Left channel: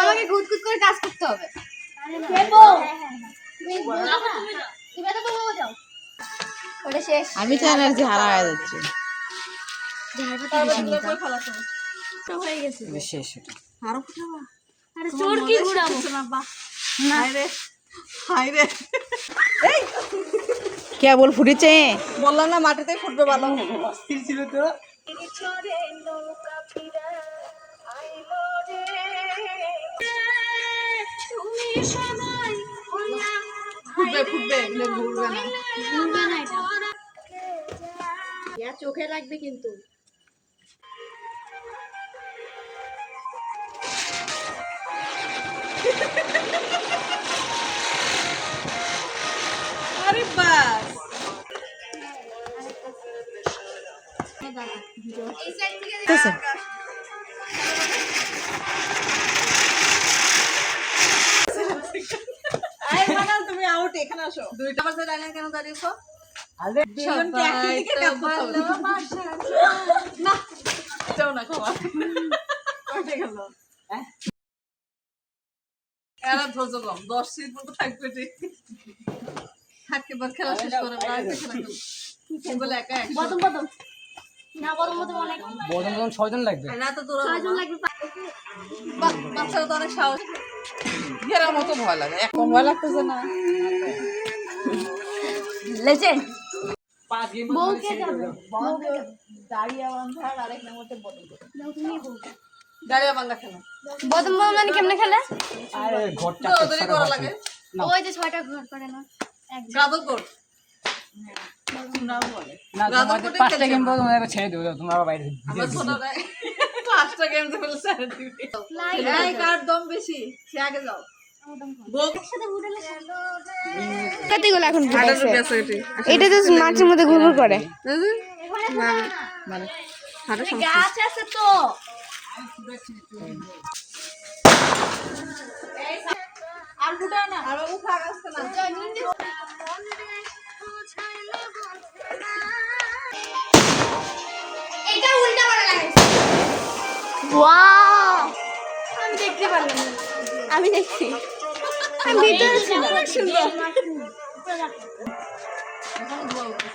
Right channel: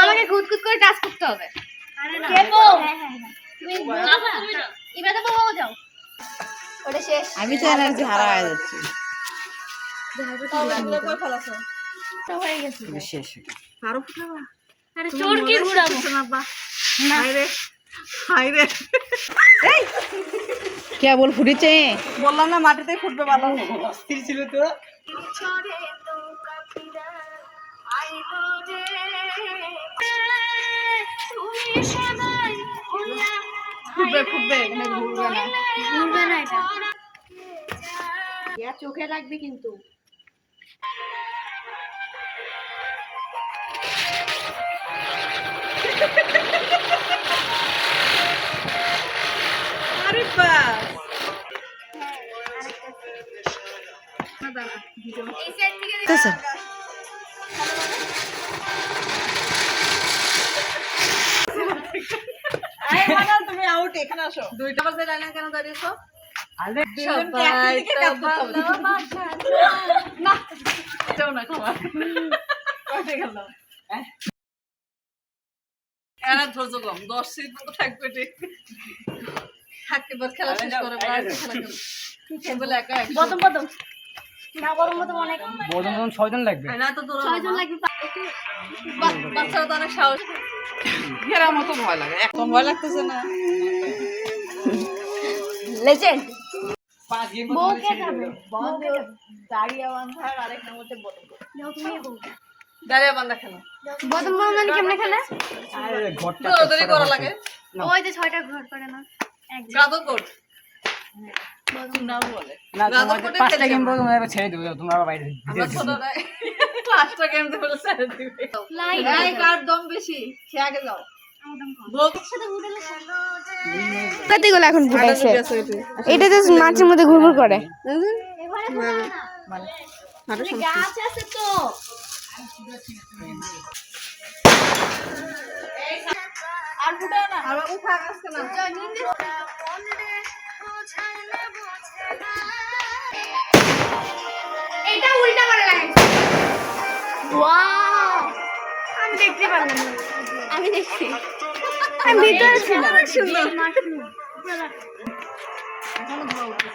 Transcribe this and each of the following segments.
আমাকে গুদগুদ করে টাচ করতে হবে। আরে না এবারে তো বাবা যাও ওটা শেষ। আমি তো এনার্জি হারায় যাচ্ছি। শেষ আরো ফুটাবা। আরে চোর কি ঘুরাবো না রে হাই রে এই কেবল ফুটেছে বললাম না মাটিতে ফুটবে ভালো অস্থির ছিল তো ফুটবে ফুটবে এখানে ঘুরবে না এটা ইয়া চোখে লাগবে কিন্তু আরে বাস তো স্যার তুমি আউট এখানে আসো 2টা বাজে লাইনে কেন দাঁড়িয়েছো আরে দুজনকে একই দিকে কাপ করতে হবে না যাও না খাওয়া কয়টা গেল এরা ধৈর্য কম 10 মিনিট মতো থাকবে ঠিক থাকবার খেলা শেষ করে খেলা বলে একা বদম বদম না গরম মতো অনেক বদন 6 জন লাগবে না তো 6 জন লাগবে বাচ্চারা তো অনেক সাহস ঘেরা মতো ভয় লাগে এখন ভয় লাগতেছে না লেজেন্ড পাঁচ গেম বউকে যাবে দাঁড়িয়ে বাঁধার আরেক নামতে বদম যাও তুমি বউ দাঁড়িয়ে বাঁধা খেলা বদম বদম মানে কেমনে খেলে আরে ঘরটা দৌড়াদৌড়ি করা লাগে ওই যে 6টা ঘর করে না গাদো কোট বদম না বলে না তোমাদের 5টা গেম বলো তোমরা ছেড়ে দিও তোমরা আবার বাইরে দিয়ে দিও 5টা গেম তো বলে ছেড়ে দিবে এই কার দম বেশি সে আগে যাও কতগুলো এখন ফুটাছে এটা তো মাছের মধ্যে ঘুরঘুর করে মানে হাড়ে সমস্যা গাছ আছে তো আর ফুটাও না আর উঠা আসছে না এটা উল্টা করে লাগাইছে ওয়াও আমি দেখতে পারলাম না আমি দেখছি আমি ভিতরে ছিল অনেক সুন্দর এখনো ধোয়া উঠছে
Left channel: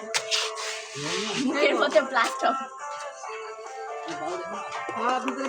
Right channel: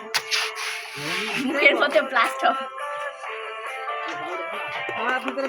মুখের মধ্যে ব্লাস্ট হবে আপনি করে